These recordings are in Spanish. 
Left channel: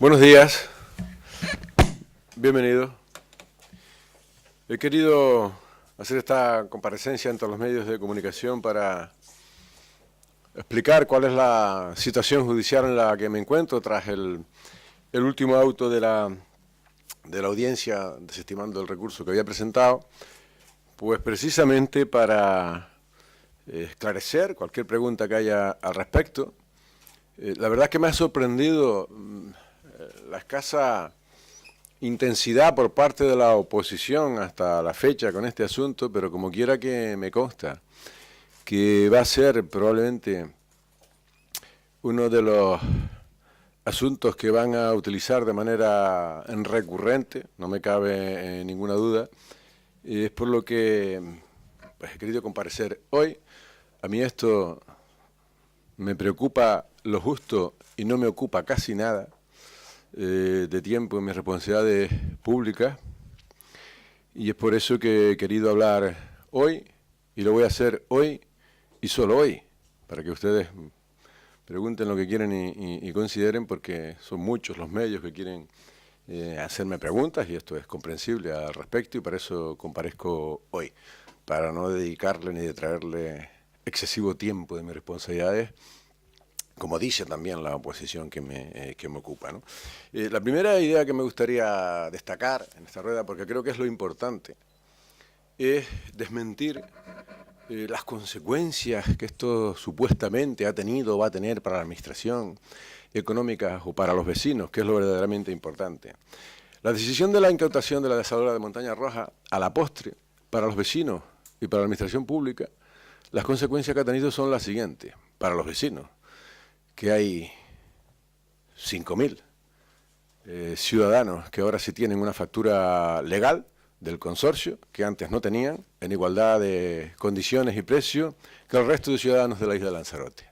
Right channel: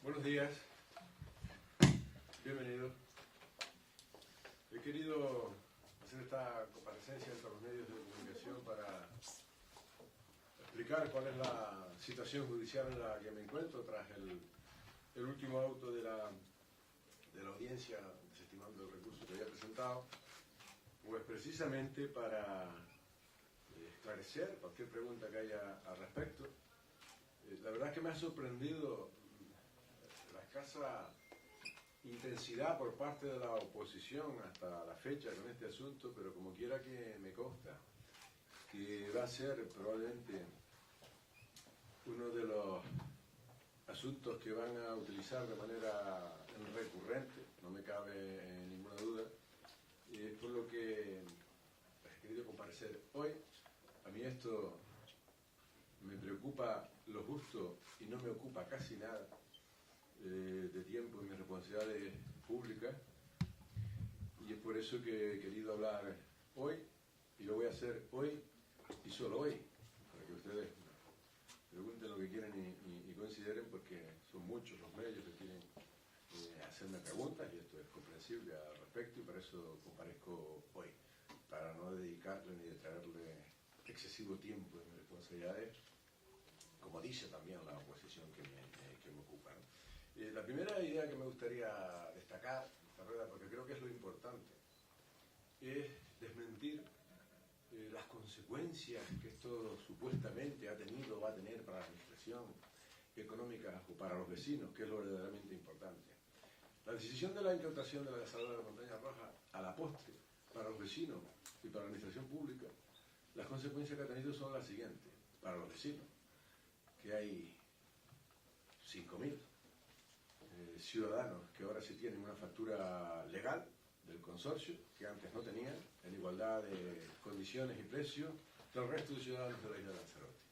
Buenos días, bienvenido. He querido hacer esta comparecencia ante los medios de comunicación para explicar cuál es la situación judicial en la que me encuentro tras el último auto de la audiencia desestimando el recurso que había presentado, pues precisamente para esclarecer cualquier pregunta que haya al respecto. La verdad es que me ha sorprendido la escasa intensidad por parte de la oposición hasta la fecha con este asunto, pero como quiera que me consta que va a ser probablemente uno de los asuntos que van a utilizar de manera recurrente, no me cabe ninguna duda, y es por lo que pues, he querido comparecer hoy. A mí esto me preocupa lo justo y no me ocupa casi nada de tiempo en mis responsabilidades públicas, y es por eso que he querido hablar hoy, y lo voy a hacer hoy y solo hoy, para que ustedes pregunten lo que quieren y consideren, porque son muchos los medios que quieren hacerme preguntas, y esto es comprensible al respecto, y para eso comparezco hoy, para no dedicarle ni detraerle excesivo tiempo de mis responsabilidades, como dice también la oposición que me ocupa, ¿no? La primera idea que me gustaría destacar en esta rueda, porque creo que es lo importante, es desmentir las consecuencias que esto supuestamente ha tenido o va a tener para la administración económica o para los vecinos, que es lo verdaderamente importante. La decisión de la incautación de la desaladora de Montaña Roja, a la postre, para los vecinos y para la administración pública, las consecuencias que ha tenido son las siguientes. Para los vecinos, que hay 5.000 ciudadanos que ahora sí tienen una factura legal del consorcio, que antes no tenían, en igualdad de condiciones y precios que el resto de ciudadanos de la isla de Lanzarote.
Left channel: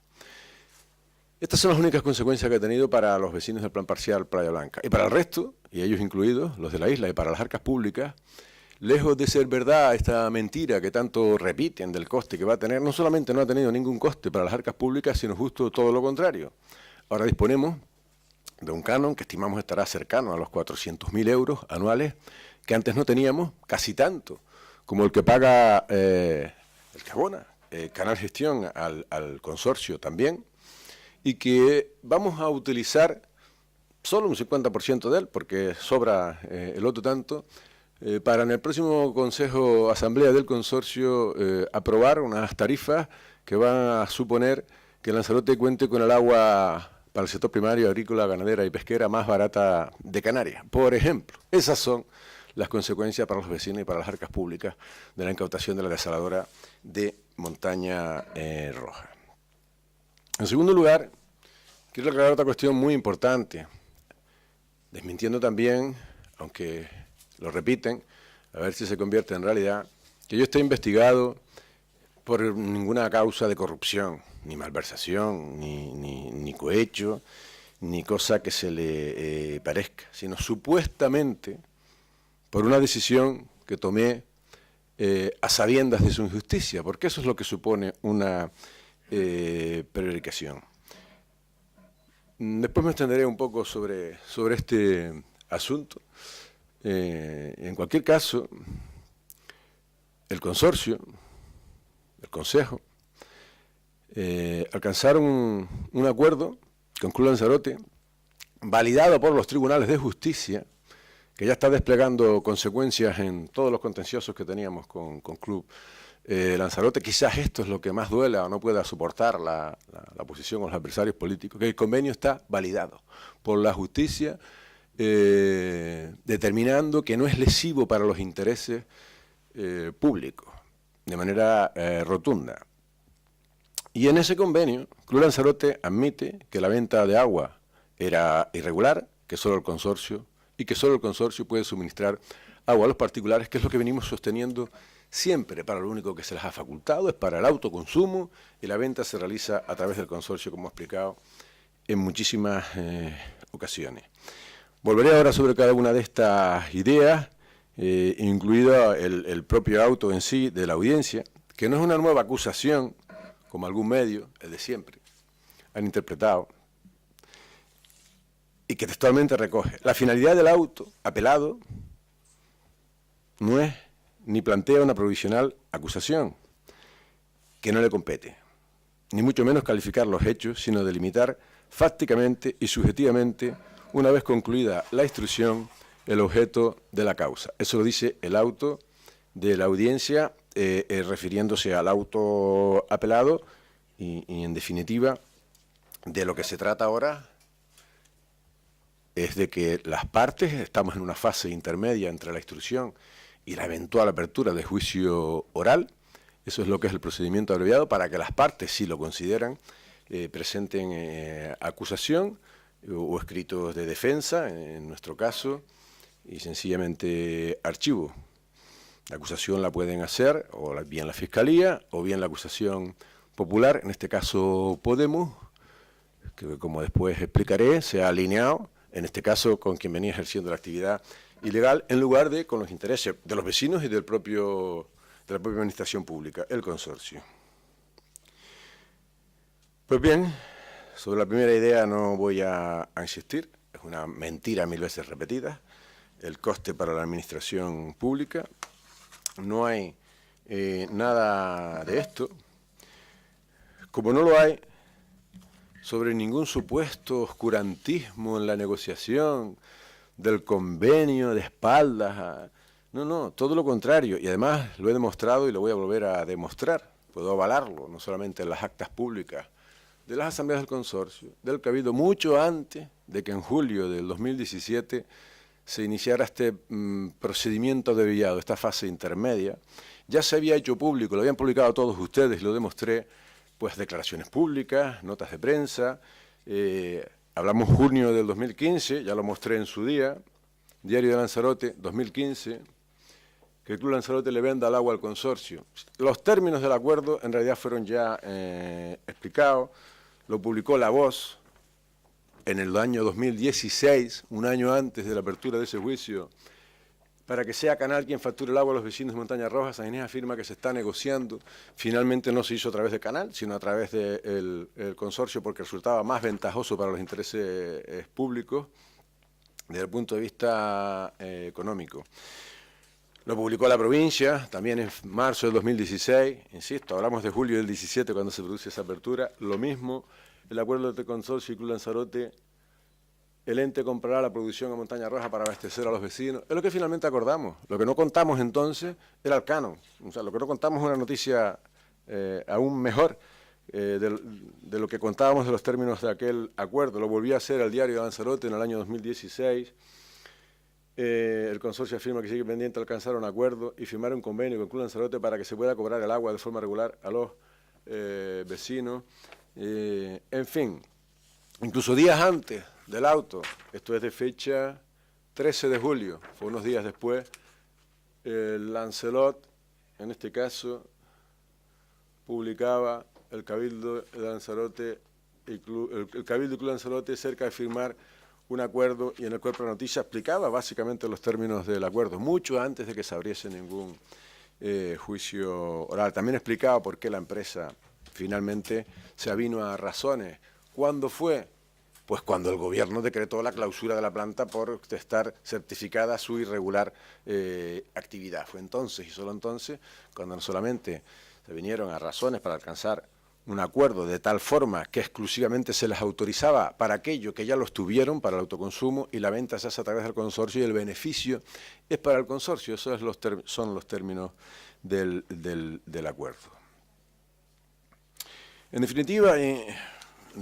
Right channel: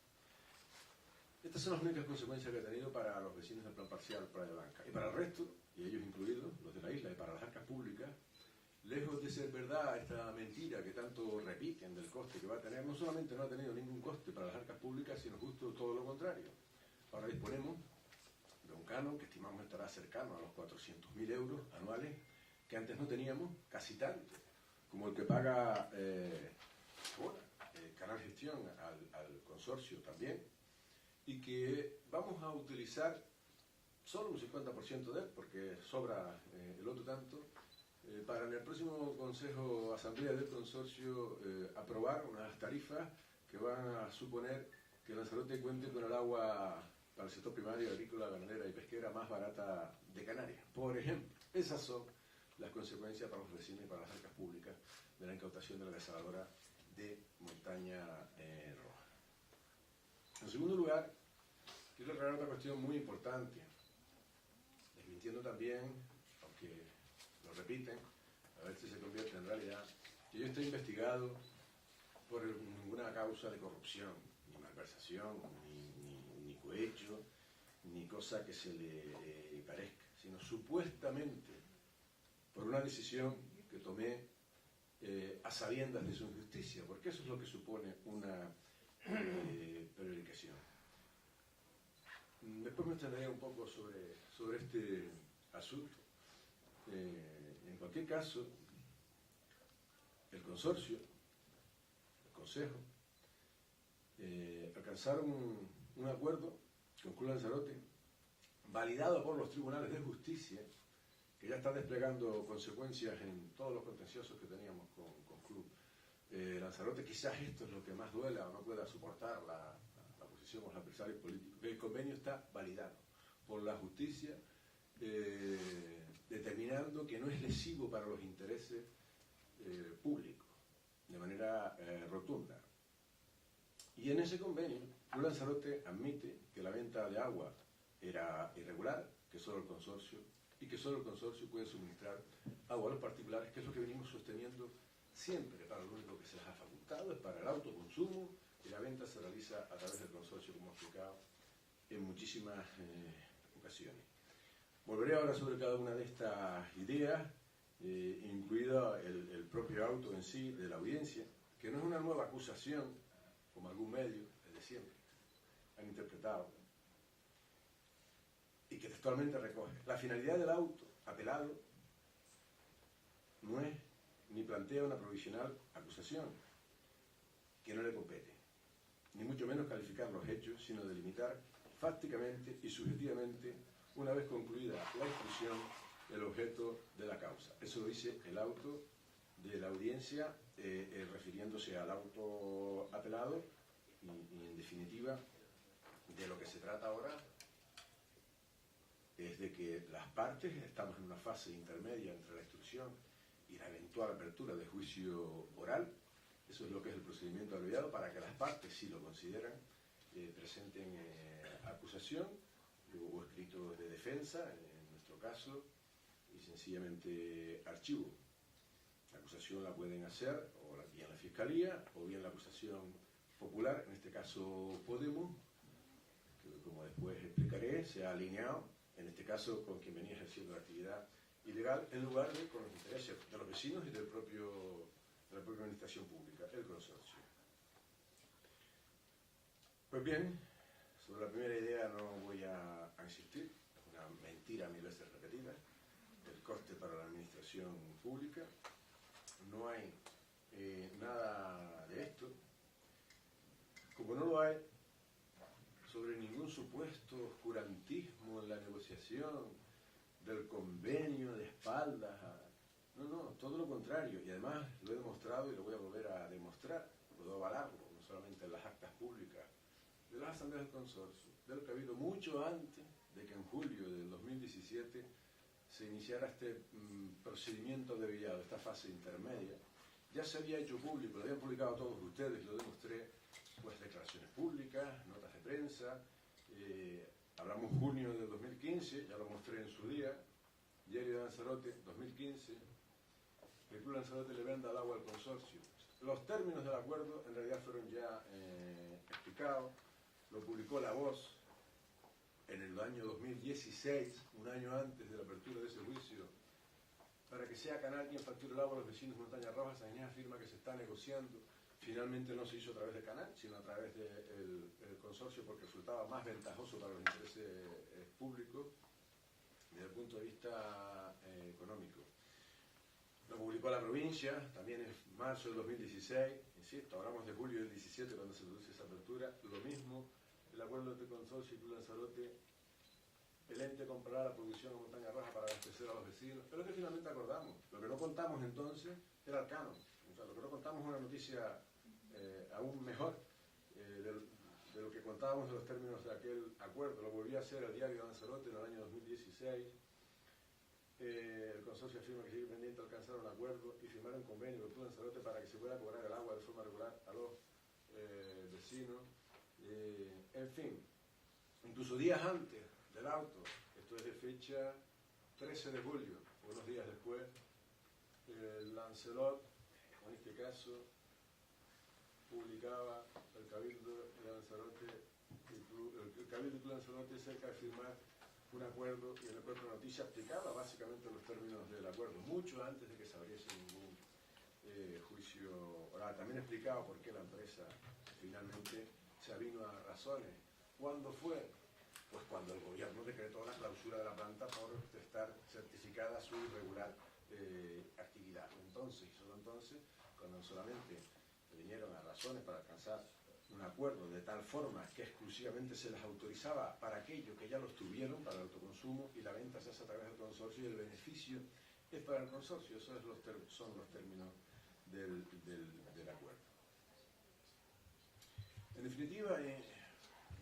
Estas son las únicas consecuencias que ha tenido para los vecinos del Plan Parcial Playa Blanca. Y para el resto, y ellos incluidos, los de la isla, y para las arcas públicas, lejos de ser verdad esta mentira que tanto repiten del coste que va a tener, no solamente no ha tenido ningún coste para las arcas públicas, sino justo todo lo contrario. Ahora disponemos de un canon que estimamos estará cercano a los 400.000 euros anuales, que antes no teníamos, casi tanto como el que paga el que abona Canal Gestión al consorcio también, y que vamos a utilizar solo un 50% de él, porque sobra el otro tanto, para en el próximo Consejo Asamblea del Consorcio aprobar unas tarifas que van a suponer que Lanzarote cuente con el agua para el sector primario, agrícola, ganadera y pesquera más barata de Canarias, por ejemplo. Esas son las consecuencias para los vecinos y para las arcas públicas de la incautación de la desaladora de Montaña Roja. En segundo lugar, quiero aclarar otra cuestión muy importante, desmintiendo también, aunque lo repiten, a ver si se convierte en realidad, que yo esté investigado por ninguna causa de corrupción, ni malversación, ni cohecho, ni cosa que se le parezca, sino supuestamente por una decisión que tomé a sabiendas de su injusticia, porque eso es lo que supone una prevaricación. Después me extenderé un poco sobre este asunto. En cualquier caso, el consorcio, el Consejo, alcanzaron un acuerdo con Club Lanzarote, validado por los tribunales de justicia, que ya está desplegando consecuencias en todos los contenciosos que teníamos con Club Lanzarote. Quizás esto es lo que más duela o no pueda soportar la oposición o los adversarios políticos, que el convenio está validado por la justicia, determinando que no es lesivo para los intereses públicos, de manera rotunda. Y en ese convenio, Club Lanzarote admite que la venta de agua era irregular, que solo el consorcio puede suministrar agua a los particulares, que es lo que venimos sosteniendo siempre. Para lo único que se les ha facultado es para el autoconsumo, y la venta se realiza a través del consorcio, como he explicado en muchísimas ocasiones. Volveré ahora sobre cada una de estas ideas, incluido el propio auto en sí de la audiencia, que no es una nueva acusación, como algún medio, el de siempre, han interpretado, y que textualmente recoge: la finalidad del auto apelado no es ni plantea una provisional acusación que no le compete, ni mucho menos calificar los hechos, sino delimitar fácticamente y subjetivamente, una vez concluida la instrucción, el objeto de la causa. Eso lo dice el auto de la audiencia, refiriéndose al auto apelado y en definitiva, de lo que se trata ahora es de que las partes, estamos en una fase intermedia entre la instrucción y la eventual apertura de juicio oral. Eso es lo que es el procedimiento abreviado, para que las partes, si lo consideran, presenten acusación o escritos de defensa, en nuestro caso, y sencillamente archivo. La acusación la pueden hacer o bien la Fiscalía o bien la acusación popular, en este caso Podemos, que como después explicaré, se ha alineado, en este caso con quien venía ejerciendo la actividad ilegal, en lugar de con los intereses de los vecinos y de la propia administración pública, el consorcio. Pues bien, sobre la primera idea no voy a insistir, es una mentira 1000 veces repetida, el coste para la administración pública. No hay nada de esto, como no lo hay sobre ningún supuesto oscurantismo en la negociación del convenio de espaldas. No, todo lo contrario, y además lo he demostrado y lo voy a volver a demostrar, puedo avalarlo, no solamente en las actas públicas de las asambleas del consorcio, del Cabildo, mucho antes de que en julio del 2017 se iniciara este procedimiento abreviado, esta fase intermedia. Ya se había hecho público, lo habían publicado todos ustedes, lo demostré, pues declaraciones públicas, notas de prensa, hablamos junio del 2015, ya lo mostré en su día, Diario de Lanzarote, 2015, que el Club Lanzarote le venda el agua al consorcio. Los términos del acuerdo en realidad fueron ya explicados, lo publicó La Voz en el año 2016, un año antes de la apertura de ese juicio, para que sea Canal quien facture el agua a los vecinos de Montaña Roja. San Ginés afirma que se está negociando. Finalmente no se hizo a través de Canal, sino a través del consorcio, porque resultaba más ventajoso para los intereses públicos desde el punto de vista económico. Lo publicó la provincia, también en marzo del 2016, insisto, hablamos de julio del 17 cuando se produce esa apertura, lo mismo, el acuerdo de consorcio y Club Lanzarote, el ente comprará la producción a Montaña Roja para abastecer a los vecinos. Es lo que finalmente acordamos. Lo que no contamos entonces era el canon. O sea, lo que no contamos es una noticia aún mejor de lo que contábamos de los términos de aquel acuerdo. Lo volví a hacer al Diario de Lanzarote en el año 2016. El consorcio afirma que sigue pendiente de alcanzar un acuerdo y firmar un convenio con el Club Lanzarote para que se pueda cobrar el agua de forma regular a los vecinos. En fin, incluso días antes del auto, esto es de fecha 13 de julio, fue unos días después, el Lancelot, en este caso, publicaba el Cabildo de Lanzarote, el Cabildo y Club Lanzarote cerca de firmar un acuerdo, y en el cuerpo de noticias explicaba básicamente los términos del acuerdo, mucho antes de que se abriese ningún juicio oral. También explicaba por qué la empresa finalmente se avino a razones. ¿Cuándo fue? Pues cuando el gobierno decretó la clausura de la planta por estar certificada su irregular actividad. Fue entonces y solo entonces cuando no solamente se vinieron a razones para alcanzar un acuerdo de tal forma que exclusivamente se les autorizaba para aquello que ya los tuvieron, para el autoconsumo, y la venta se hace a través del consorcio y el beneficio es para el consorcio. Esos son los términos del acuerdo. En definitiva, en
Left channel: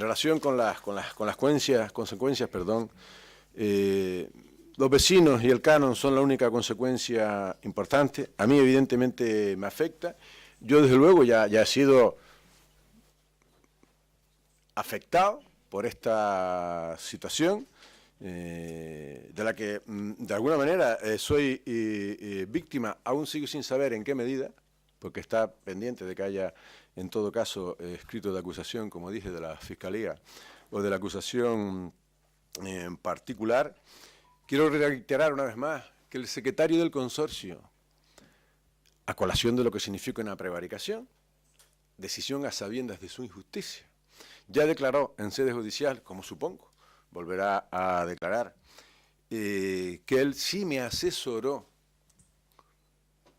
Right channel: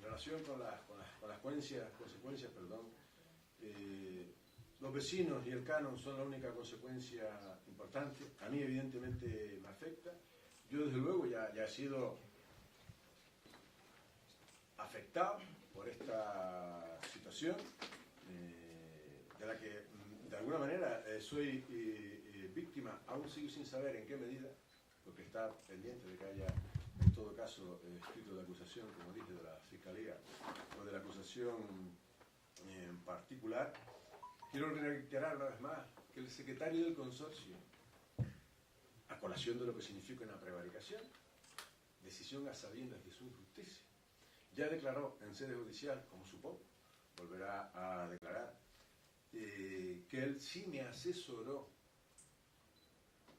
relación con las consecuencias, los vecinos y el canon son la única consecuencia importante. A mí evidentemente me afecta. Yo desde luego ya he sido afectado por esta situación, de la que de alguna manera soy víctima, aún sigo sin saber en qué medida, porque está pendiente de que haya, en todo caso, escrito de acusación, como dije, de la Fiscalía o de la acusación en particular. Quiero reiterar una vez más que el secretario del consorcio, a colación de lo que significa una prevaricación, decisión a sabiendas de su injusticia, ya declaró en sede judicial, como supongo, volverá a declarar, que él sí me asesoró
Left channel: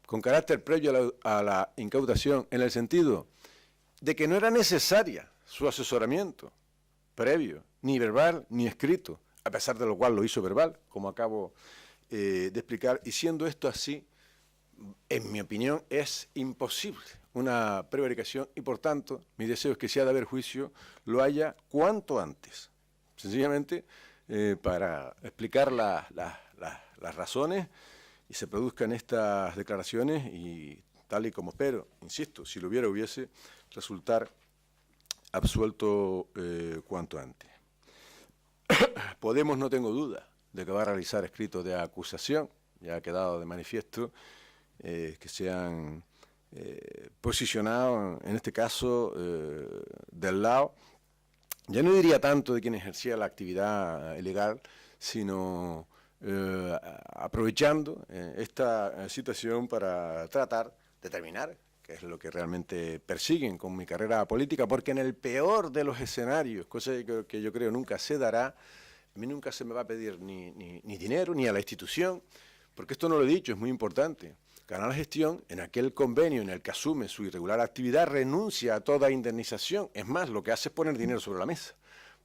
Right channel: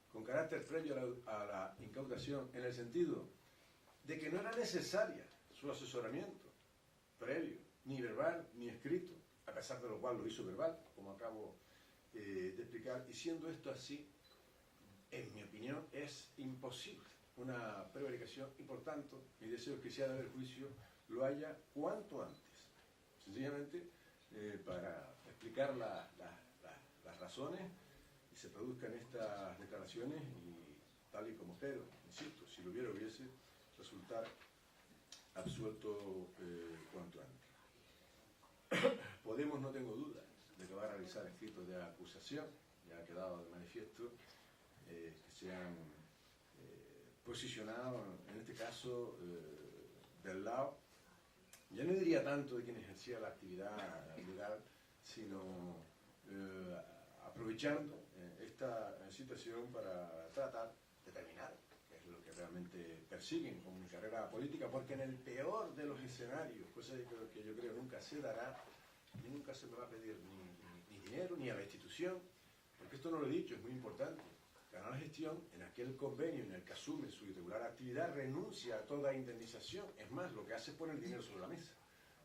con carácter previo a la incautación, en el sentido de que no era necesaria su asesoramiento previo, ni verbal ni escrito, a pesar de lo cual lo hizo verbal, como acabo de explicar, y siendo esto así, en mi opinión, es imposible una prevaricación y, por tanto, mi deseo es que si ha de haber juicio, lo haya cuanto antes. Sencillamente, para explicar las razones y se produzcan estas declaraciones y tal y como espero, insisto, si lo hubiese, resultar absuelto cuanto antes. Podemos, no tengo duda, de que va a realizar escritos de acusación, ya ha quedado de manifiesto que se han posicionado, en este caso, del lado, ya no diría tanto de quien ejercía la actividad ilegal, sino aprovechando esta situación para tratar de terminar, que es lo que realmente persiguen con mi carrera política, porque en el peor de los escenarios, cosa que yo creo nunca se dará, a mí nunca se me va a pedir ni dinero, ni a la institución, porque esto no lo he dicho, es muy importante. Canal Gestión, en aquel convenio en el que asume su irregular actividad, renuncia a toda indemnización. Es más, lo que hace es poner dinero sobre la mesa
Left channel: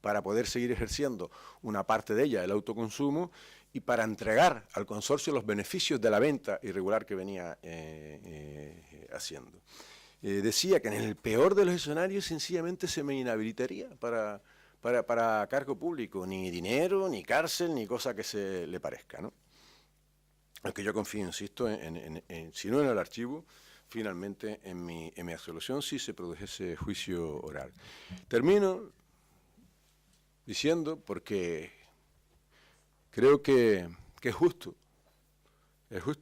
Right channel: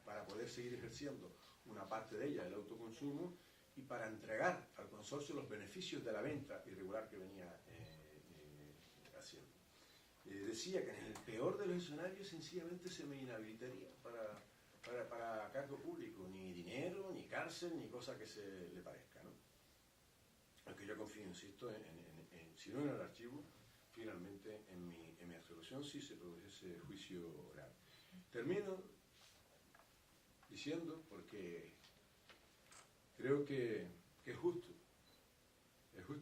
para poder seguir ejerciendo una parte de ella, el autoconsumo, y para entregar al consorcio los beneficios de la venta irregular que venía haciendo. Decía que en el peor de los escenarios sencillamente se me inhabilitaría para cargo público, ni dinero, ni cárcel, ni cosa que se le parezca, ¿no? Aunque yo confío, insisto, si no en el archivo, finalmente en mi absolución si se produjese juicio oral. Termino diciendo, porque creo que es justo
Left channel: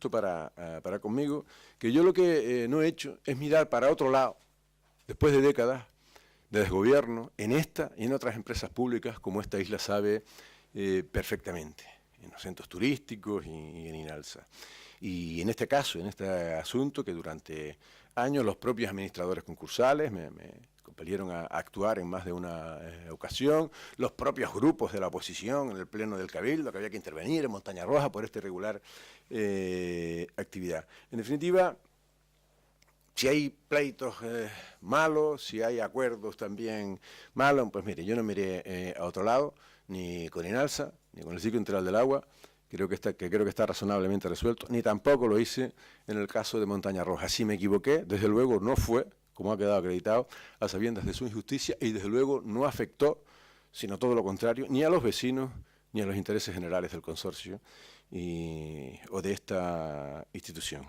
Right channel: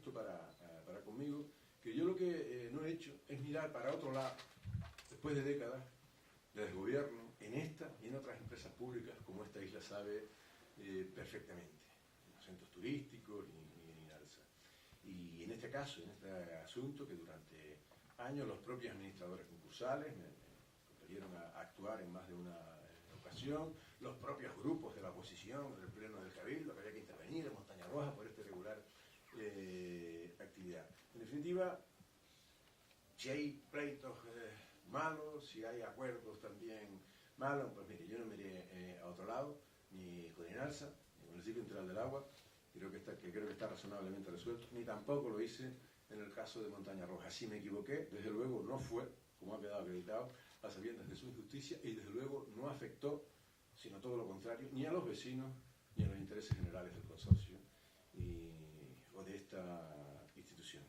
para conmigo, que yo lo que no he hecho es mirar para otro lado, después de décadas de desgobierno, en esta y en otras empresas públicas, como esta isla sabe perfectamente, en los centros turísticos y en INALSA. Y en este caso, en este asunto, que durante años los propios administradores concursales me compelieron a actuar en más de una ocasión, los propios grupos de la oposición en el pleno del Cabildo, que había que intervenir en Montaña Roja por esta irregular actividad. En definitiva, si hay pleitos malos, si hay acuerdos también malos, pues mire, yo no miré a otro lado, ni con INALSA, ni con el Ciclo Integral del Agua, creo que está razonablemente resuelto, ni tampoco lo hice en el caso de Montaña Roja. Si me equivoqué, desde luego no fue, como ha quedado acreditado, a sabiendas de su injusticia, y desde luego no afectó, sino todo lo contrario, ni a los vecinos, ni a los intereses generales del consorcio o de esta institución.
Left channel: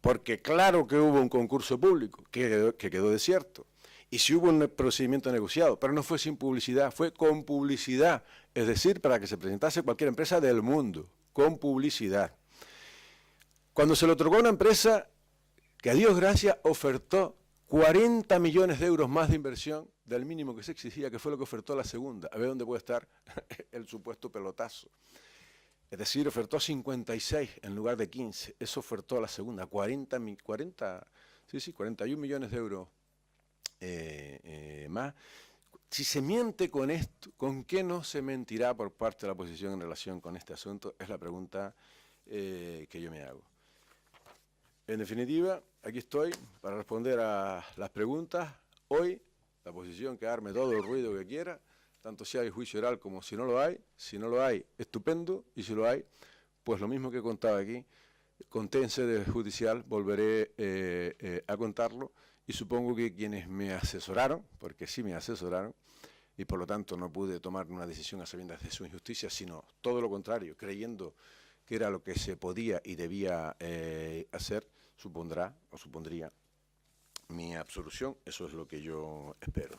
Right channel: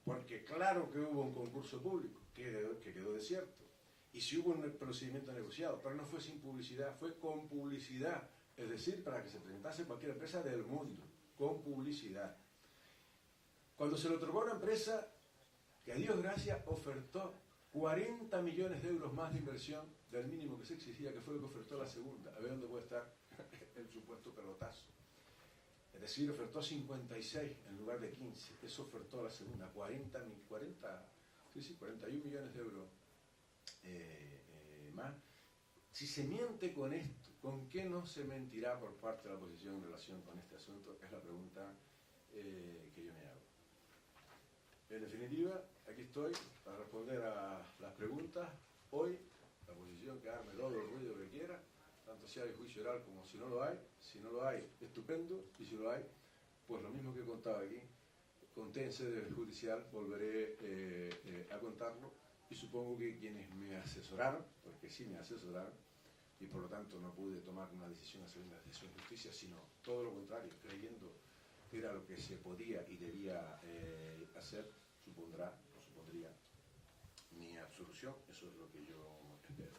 Porque claro que hubo un concurso público que quedó desierto, y si hubo un procedimiento negociado, pero no fue sin publicidad, fue con publicidad, es decir, para que se presentase cualquier empresa del mundo, con publicidad. Cuando se lo otorgó a una empresa que, a Dios gracias, ofertó 40 millones de euros más de inversión del mínimo que se exigía, que fue lo que ofertó la segunda, a ver dónde puede estar el supuesto pelotazo. Es decir, ofertó 56 en lugar de 15, eso ofertó a la segunda, 41 millones de euros más. Si se miente con esto, ¿con qué no se mentirá por parte de la oposición en relación con este asunto? Es la pregunta que yo me hago. En definitiva, aquí estoy para responder a las preguntas. Hoy, la oposición que arme todo el ruido que quiera, tanto si hay juicio oral como si no lo hay. Si no lo hay, estupendo, y si lo hay, pues lo mismo que contaba aquí, conté en sede judicial, volveré a contarlo, y supongo que quienes me asesoraron, porque sí me asesoraron, y por lo tanto no pude tomar una decisión a sabiendas de su injusticia, sino todo lo contrario, creyendo que era lo que se podía y debía hacer, supondría mi absolución. Eso es lo que yo espero.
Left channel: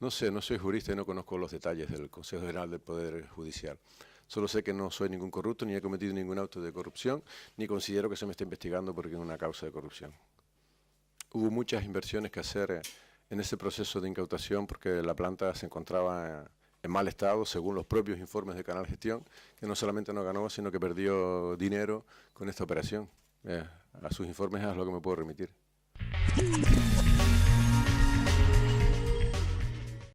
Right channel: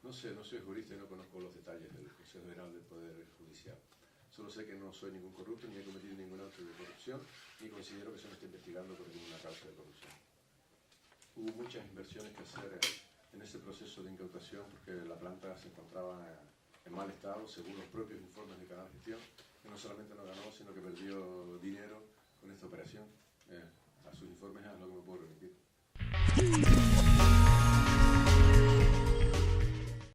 No sé, no soy jurista y no conozco los detalles del Consejo General del Poder Judicial. Solo sé que no soy ningún corrupto, ni he cometido ningún acto de corrupción, ni considero que se me esté investigando por una causa de corrupción. Hubo muchas inversiones que hacer en ese proceso de incautación porque la planta se encontraba en mal estado, según los propios informes de Canal Gestión, que no solamente no ganó, sino que perdió dinero con esta operación. A sus informes es a lo que me puedo remitir.